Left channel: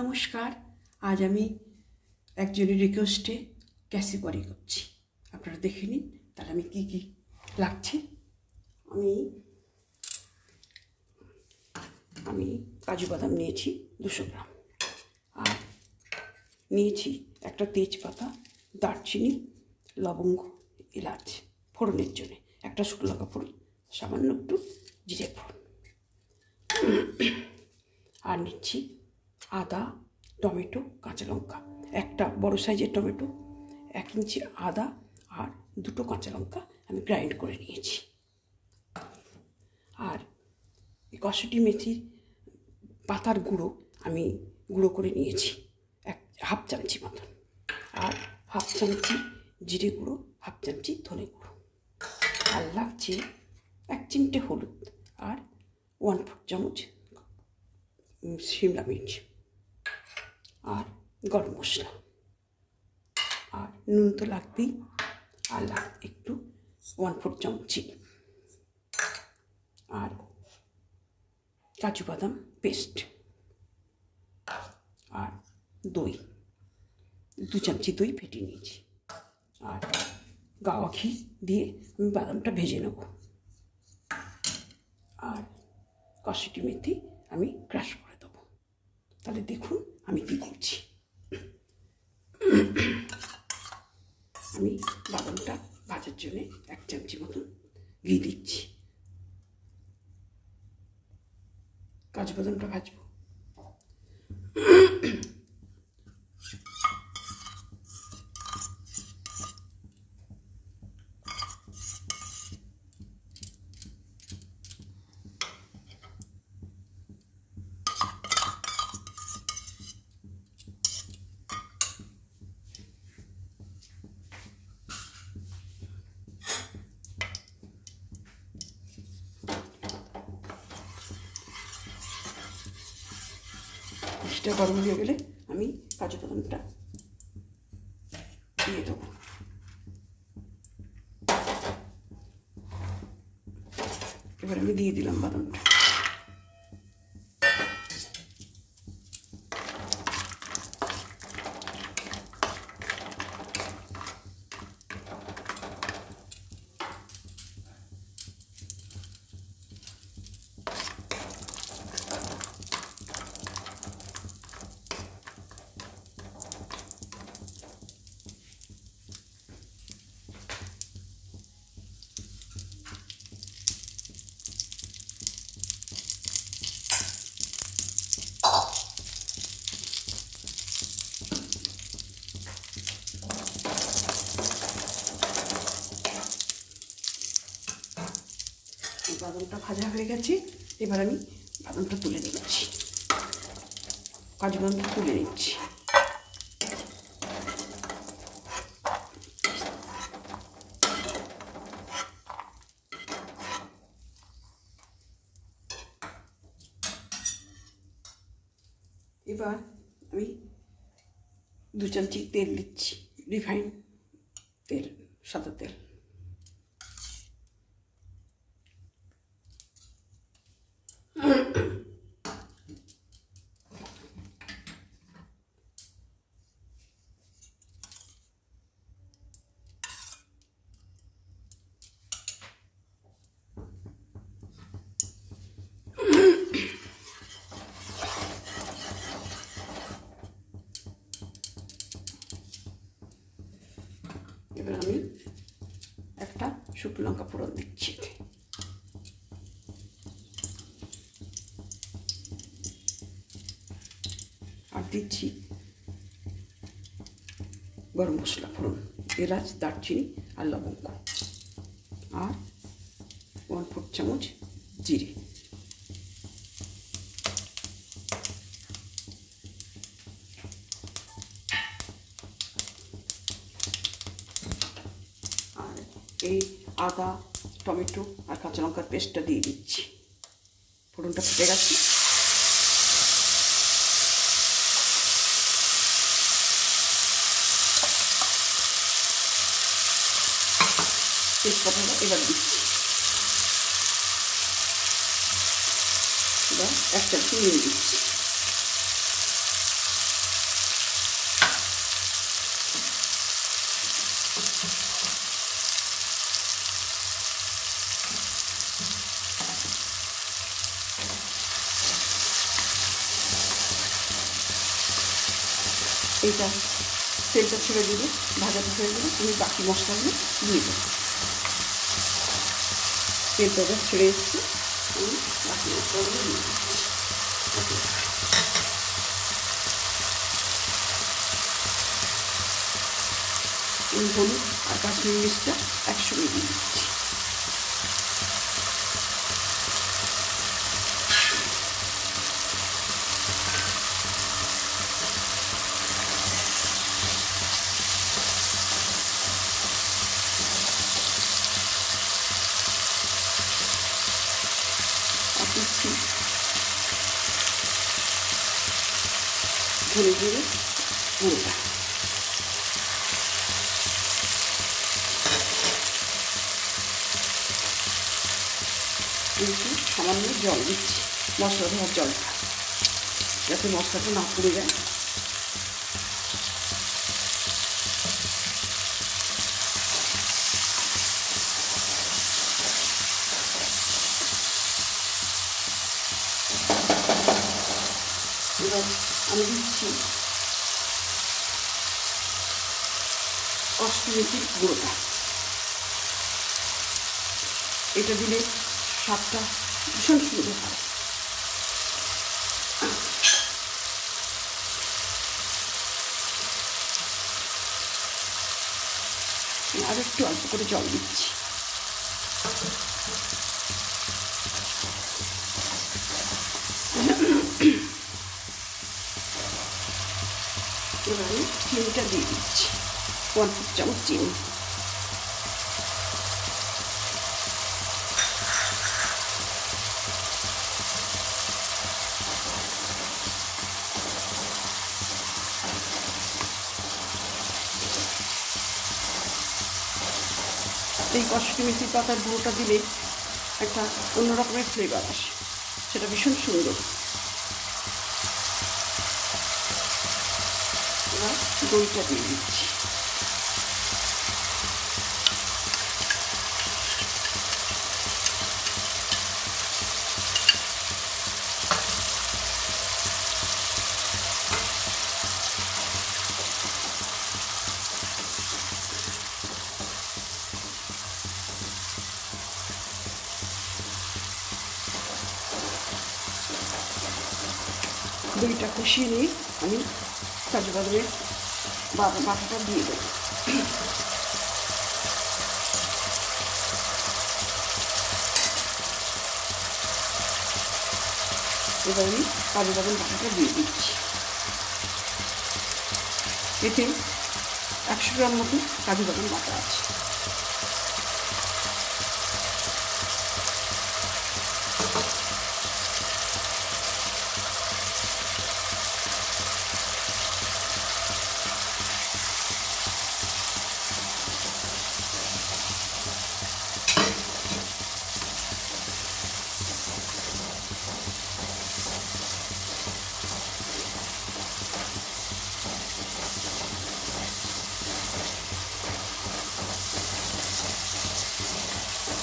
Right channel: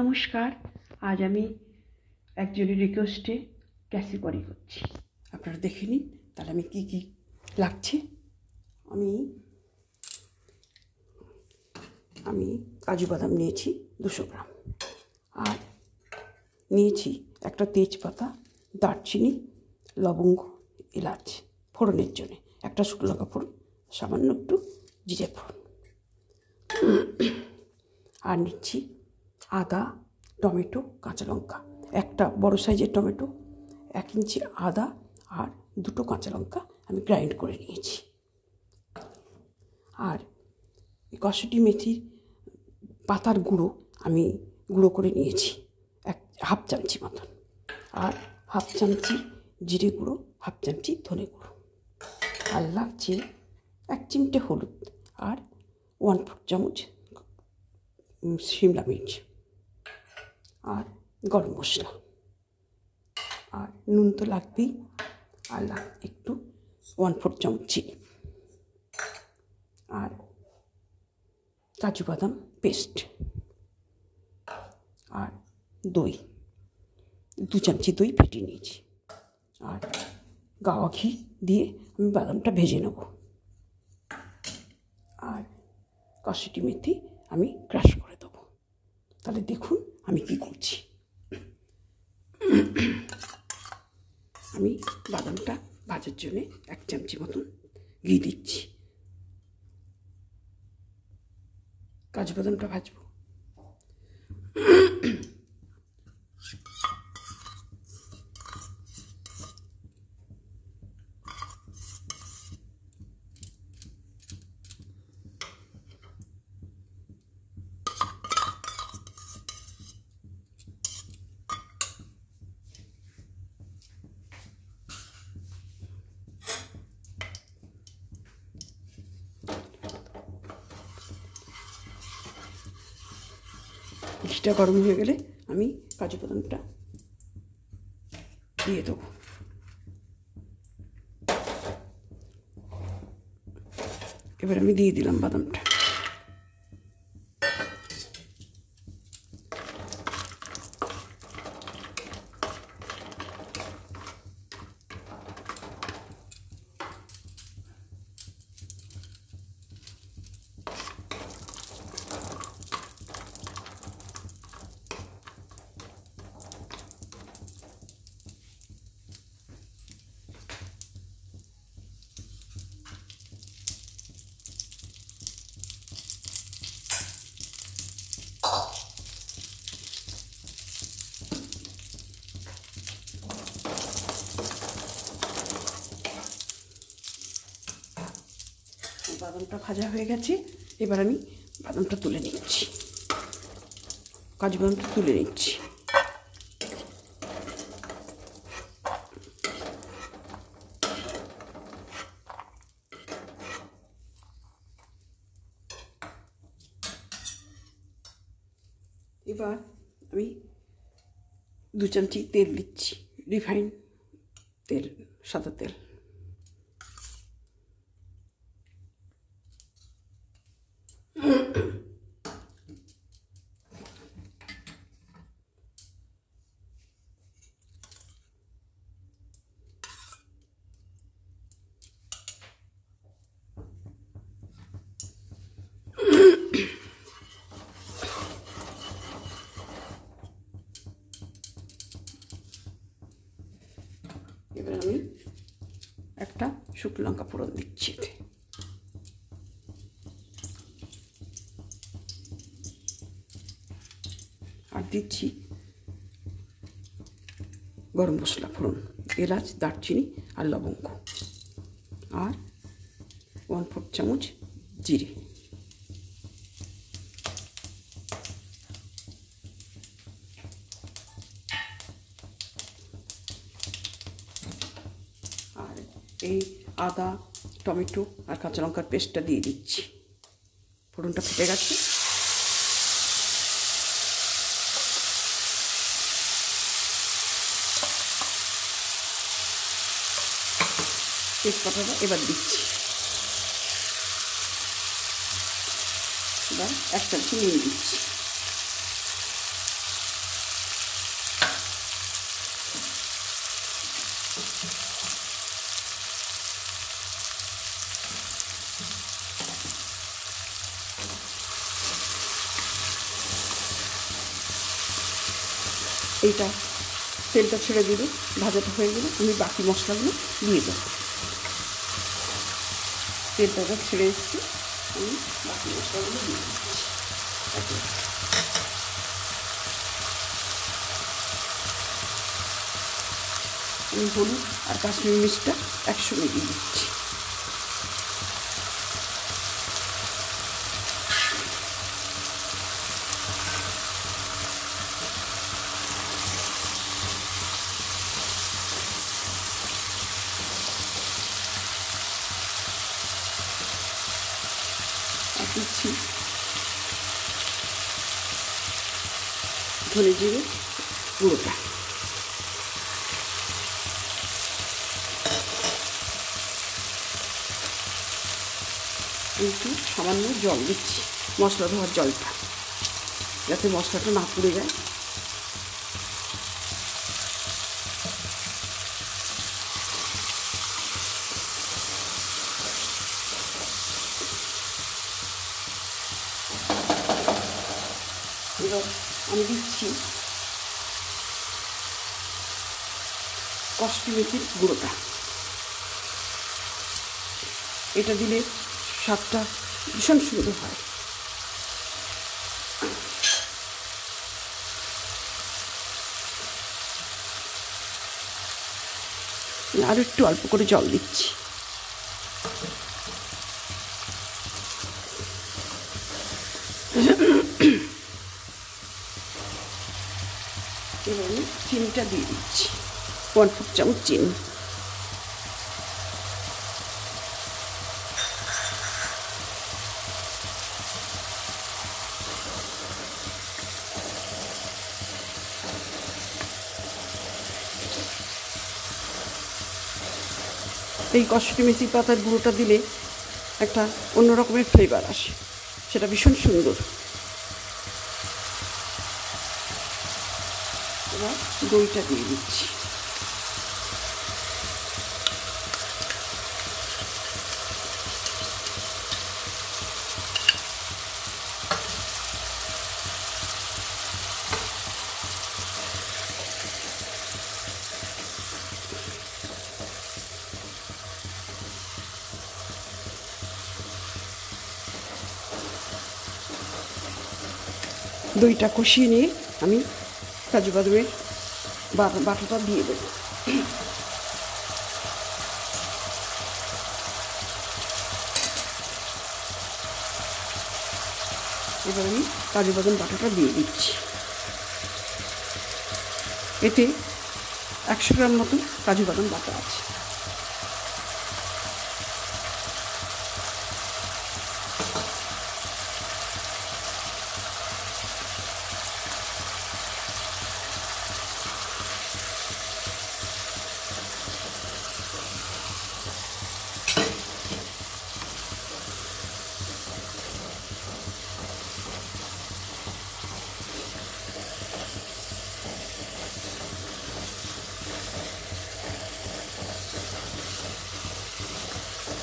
নমস্কার। আজ আমি একজনের রিকোয়েস্টে ক্যাসি বড়ি করছি, আপনারা দেখে নিন। তাহলে আমি কি কি লাগছে। আমি কাজু বাদাম নিয়েছি 200 গ্রাম, আর নিয়েছি একটা তেজপাতা, দারচিনি, লবঙ্গ, এলাচ ফোড়নের জন্য, একটা শুকনো লঙ্কা ফোড়ন, সামান্য একটু জিরে ফোড়ন, আর নিচ্ছি আদা, টমেটো, কাঁচা লঙ্কা, একটা বড় সাইজের টমেটো, 1 ইঞ্চি আদা আর 2টো কাঁচা লঙ্কা আমি গ্রাইন্ড করে নিয়েছি। আর কসুরি মেথি পাতার গুঁড়ো আমি গুঁড়ো করে নিয়েছি হাফ চামচি মতন, আর হাফ চামচি জিরে গুঁড়ো, হাফ চামচি ধনে গুঁড়ো, আর লাগছে 1 চিমটে হলুদ, আর 1/4 চামচ শিমলা মির্চ, আর গরম মশলা, আর নুন তো লাগবেই, আর একটু 1/4 চামচ চিনি, আর কাজু বাদাম পেস্ট, আর দই 2 চামচি দই ফেটিয়ে নিয়েছি, আর গাওয়া ঘি দিয়ে আমি বাদামটা ভেজে নেব, আর কসুরি মেথি আমি ক্রাশ করে দেবো। তাহলে দেখুন আমি কি করছি। আমি বাদামটা ভাজার জন্য 1 চামচি মতন ঘি দিচ্ছি। কাজু বাদামটা ভাজবো। ঘিটা গরম হয়ে গেলে আমি কাজু বাদামটা দিয়ে দেবো। এবার আমি দিয়ে দিলাম বাদামটা। বাদামটা ভাজা হয়ে গেছে, এবার আমি বাদামটা তুলে নিচ্ছি, কাজু বাদামটা তুলে নিচ্ছি। এবার আমি 2 চামচি তেল দিচ্ছি, রিফাইন তেল, সাদা তেল। এবার আমি একটা শুকনো লঙ্কা ফোড়ন দিচ্ছি, আর দিচ্ছি গরম মশলা ফোড়ন, এলাচ, দারচিনি আর লবঙ্গ, আর 1/4 চামচ জিরে, আর এই আদা, টমেটো আর কাঁচা লঙ্কার পেস্টটা দিয়ে দিচ্ছি। ফোড়নটা ফুটে গেছে, তেজপাতাটা এবার দিচ্ছি, এবার 1 চামচ নুন দিচ্ছি, এইটা তেলটা ছেড়ে দিলে, ভাজাটা হয়ে গেলে আমি বাকি মশলাগুলো দিয়ে দেবো। তেলটা ছেড়ে এসেছি, আমি বাকি মশলাগুলো দিয়ে দিচ্ছি। হলুদ আর কাশ্মীরি মির্চটা একসঙ্গে দিয়ে দিচ্ছি। আর দিচ্ছি ধনে জিরে গুঁড়োটা। একটু সামান্য জল দিচ্ছি, মশলা ধোয়ার জলটা, যাতে মশলাটা না পুড়ে যায়। এবার আমি দিচ্ছি কসুরি মেথির গুঁড়োটা। এটা দিলে স্বাদটা ভীষণ সুন্দর হয়। আর একটু অল্প করে জল দিচ্ছি। এবার আমি চিনিটা দিয়ে দিচ্ছি, 1/4 চামচ চিনি। এই কসুরি মেথি পাতার গুঁড়োটা দিলে একটা অন্য রকমের ফ্লেভার আসে, সেটা ভীষণ সুন্দর। এবার দইটা দিয়ে দিচ্ছি। দইটা কষিয়ে নিয়ে আমি কাজু বাদামের বাটাটা দিয়ে দেবো। এবার আমি কাজু বাদাম বাটাটা দিয়ে দিচ্ছি। এতে 100 গ্রাম মতো কাজু বাদাম বাটা আছে।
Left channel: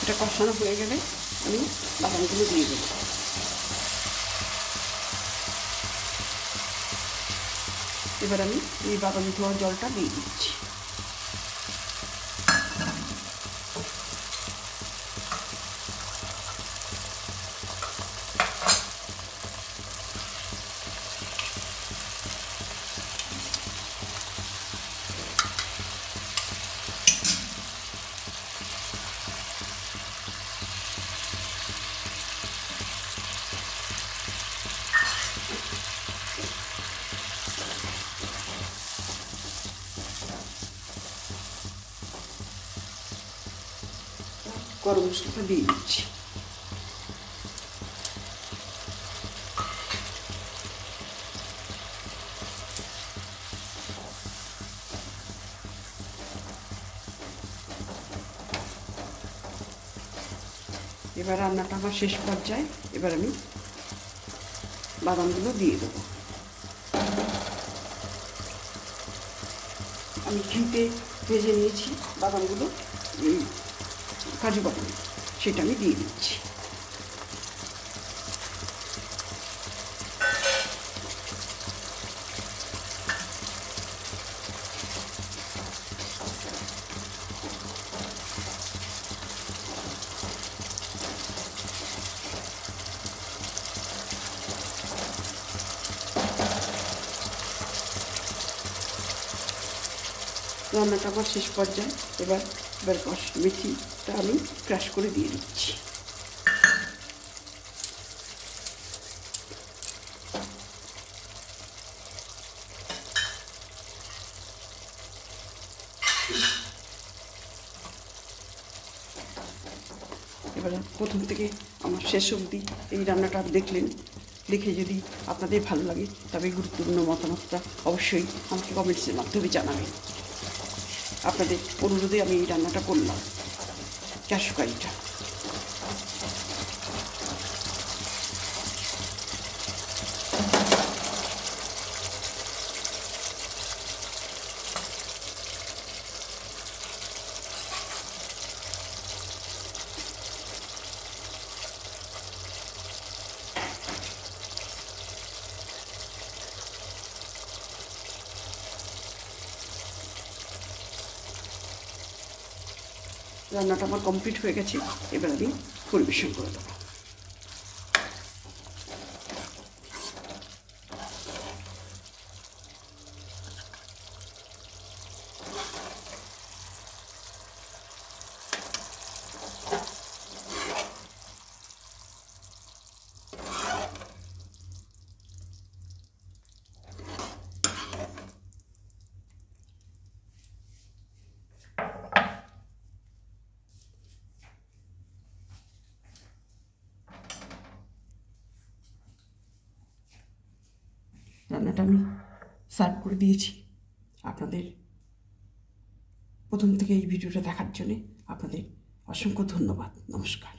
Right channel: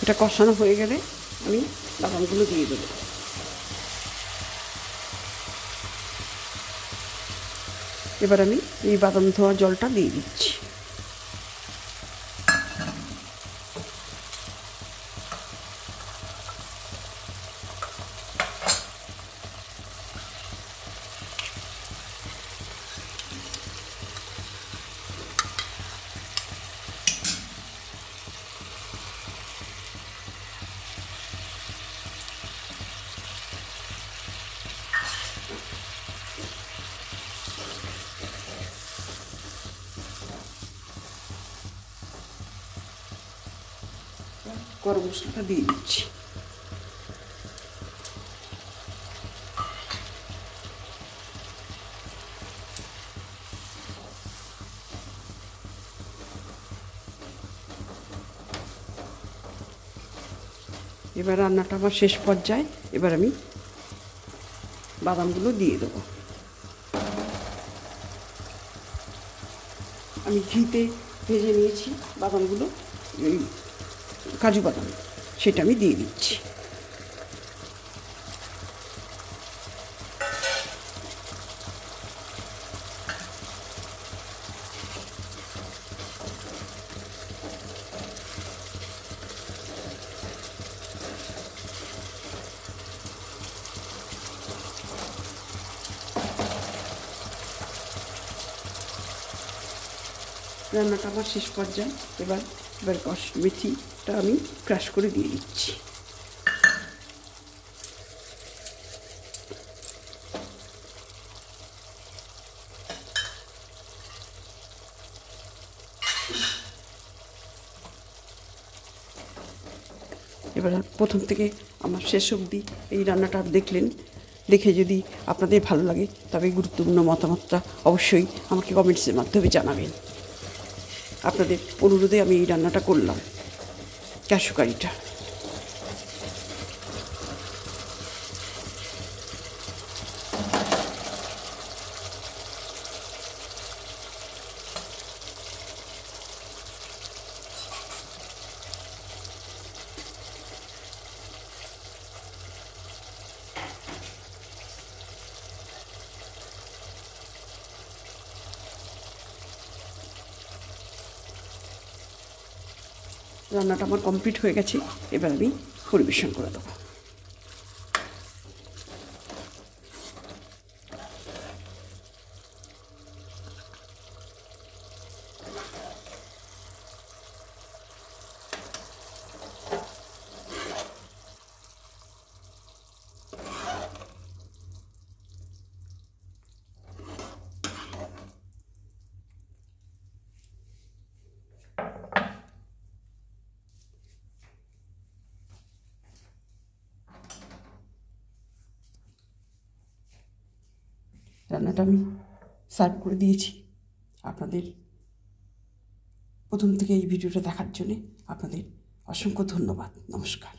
এটা কষানো হয়ে গেলে আমি বাদামগুলো দিয়ে দেবো। এবার আমি এই বাদাম ধোয়া জলটা দিয়ে দিচ্ছি। গরম মশলাটা দিয়ে দিচ্ছি। এবার রান্নাটা আমার শেষ পর্যায়ে, এবার আমি বাদামগুলো দিয়ে দেবো। আমি ঘিতে ভেজে নিয়েছি বাদামগুলো, কাজু বাদাম, সেটা আমি দিয়ে দিচ্ছি। রান্নাটা আমার শেষ পর্যায়ে। এবার মেথিটা আমি ক্রাশ করে দিয়ে দিচ্ছি। এবার প্রথম থেকে আমার শেষ অবধি এই রান্নাটা দেখলেন, দেখে যদি আপনাদের ভালো লাগে তবে গুরুত্বপূর্ণ মতামতটা অবশ্যই আমাকে কমেন্টসের মাধ্যমে জানাবেন। আপনাদের অনুরোধে আমি এই রান্নাটা করলাম, ক্যাশু কারিটা। রান্নাটা আমার কমপ্লিট হয়ে গেছে, এবার আমি পরিবেশন করে দেবো। রান্নাটা আমি সার্ভ করে দিয়েছি। আপনাদের প্রথম থেকে এই ভিডিওটা দেখার জন্যে আপনাদের অসংখ্য ধন্যবাদ। নমস্কার।